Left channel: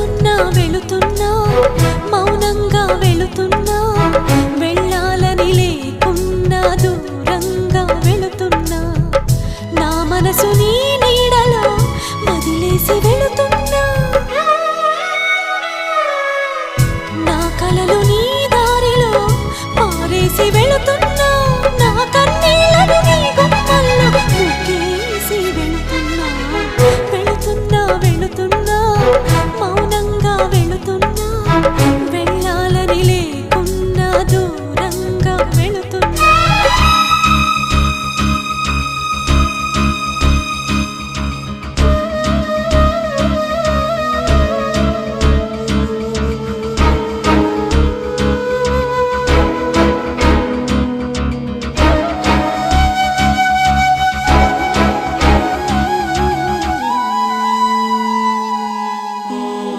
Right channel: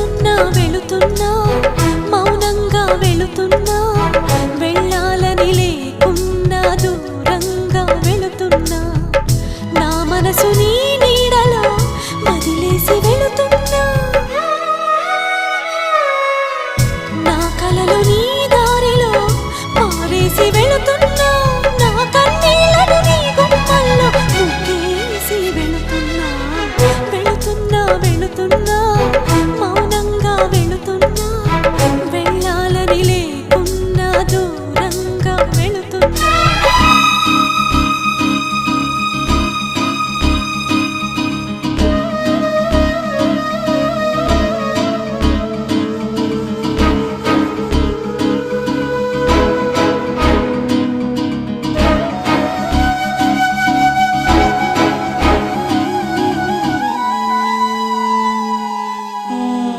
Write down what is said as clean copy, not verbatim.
వెళుతున్నా వెళుతున్నా మౌనంగా వెళుతున్నా వెళ్ళాలని లేకున్నా దూరంగా వెళుతున్నా నా మనసు నీ